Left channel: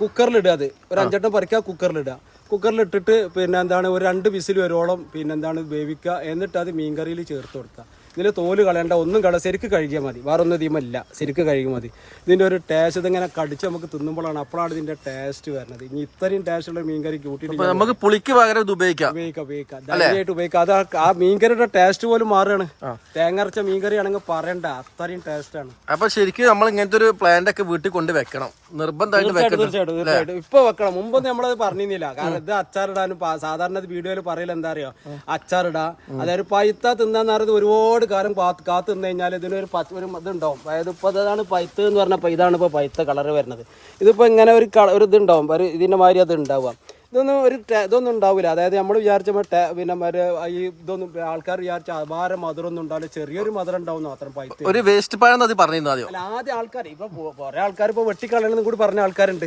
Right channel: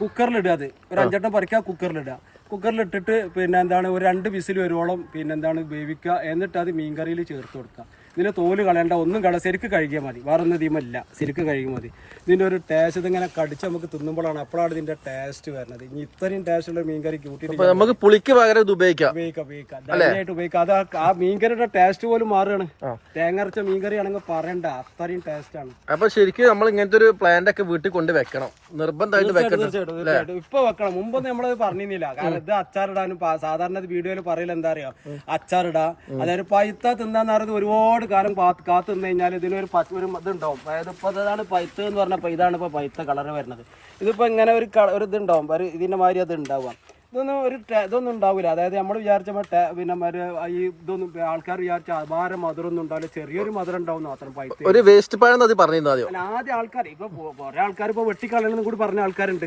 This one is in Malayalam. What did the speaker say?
കുക്കറിലിടുക. അത് ഒരു 5 എണ്ണം പറിക്കുക, കുക്കറിലിടുക. കുക്കറിലിട്ടിട്ട് പിന്നെ എന്താണ് ഒരു 2 വിസിൽ വരുവോളം പിന്നെ എന്താണ് വേവിക്കുക. എന്നിട്ട് അത് മീൻകറിയിൽ ചേർത്ത് കൊടുക്കുക. ഇതിൻ്റെ തോല് കളയണ്ട, ഒന്നും ശരിക്ക് കഴുകിയാൽ മതി, വേറെ ഒന്നും ഇതിമല്ല, ശരിക്ക് കഴുകിയാൽ മതി. ഇതിൻ്റെ ഒരു ടേസ്റ്റ് ഇതിങ്ങനെ കടിച്ച് നമുക്ക് തിന്നുമ്പോഴാണ്, അപ്പോഴാണ് ഇതിൻ്റെ ടേസ്റ്റ് വരുന്നത്. ഇനി ഇത്രയും ടേസ്റ്റുള്ള മീൻകറി കൂട്ടിയിട്ട് നമുക്ക് പുളിക്ക് പകരം ഇത് ഉപയോഗിക്കാം, ധൈര്യമായിട്ട് ഉപയോഗിക്കാം. അത് ആ മീൻകറിയുടെ ടേസ്റ്റ് പോലും മാറുകയാണ്. തേങ്ങ അരച്ച മീൻകറി ആണെങ്കിൽ പറയണ്ട, അത്രയും ടേസ്റ്റ് ആണ്. അപ്പൊ ശരിക്കും നമ്മൾ ഇങ്ങനത്തെ ഒരു പ്ലാന്റ് ഒക്കെ വീട്ടിൽ കൊണ്ട് വെക്കണം, നിർബന്ധമായിട്ട് വെക്കണം. തീർച്ചയായിട്ടും ഇപ്പൊ വെക്കണം. മുമ്പൊന്നും നമ്മളത് പറഞ്ഞിരുന്നില്ല. കാരണം ഇത് അച്ചാറിടാനും സാധാരണ വീഡിയോയിൽ പറയില്ല എന്താ അറിയോ, അച്ചാറിടാ. അതായത് പൈത്ത തിന്നാന്ന് പറയുന്നത് ഒരുപാട് കാലം കാത്തു നിന്ന് കഴിഞ്ഞാൽ ഇതിനൊരു ഇതുണ്ടാവും. അതായത് ഇപ്പൊ അതാണ് പൈത്ത എന്ന് പറഞ്ഞപ്പോ ഇതാണ് ഇപ്പൊ പൈത്ത കളർ വരുന്നത്. ഇതിപ്പോ ഇങ്ങനെ ഒരു ഇതുണ്ടാവും, ഇതിന്റെ മാതിരി അത് ഉണ്ടാവുക. ഇതൊന്നും ഉണ്ടാവില്ല. അതായത് നമ്മൾ വിചാരിച്ച പിന്നെ ഈ ഇതൊന്നും ആൾക്കാർ വിചാരിച്ച അപാര മധുരം ഒന്നും ഉണ്ടാവില്ല, ചെറിയൊരു മധുരം ഉണ്ടാവും മാത്രം. പൈത്ത ഒരു വേസ്റ്റ് പഴം പറഞ്ഞിരുന്നു ആദ്യം ആൾക്കാർ ഇപ്പൊ കുറെ ആൾക്കാർ ഇപ്പൊ വെട്ടിക്കളയണമെന്ന് കൂടി പറഞ്ഞ ആൾക്കാരുണ്ട്.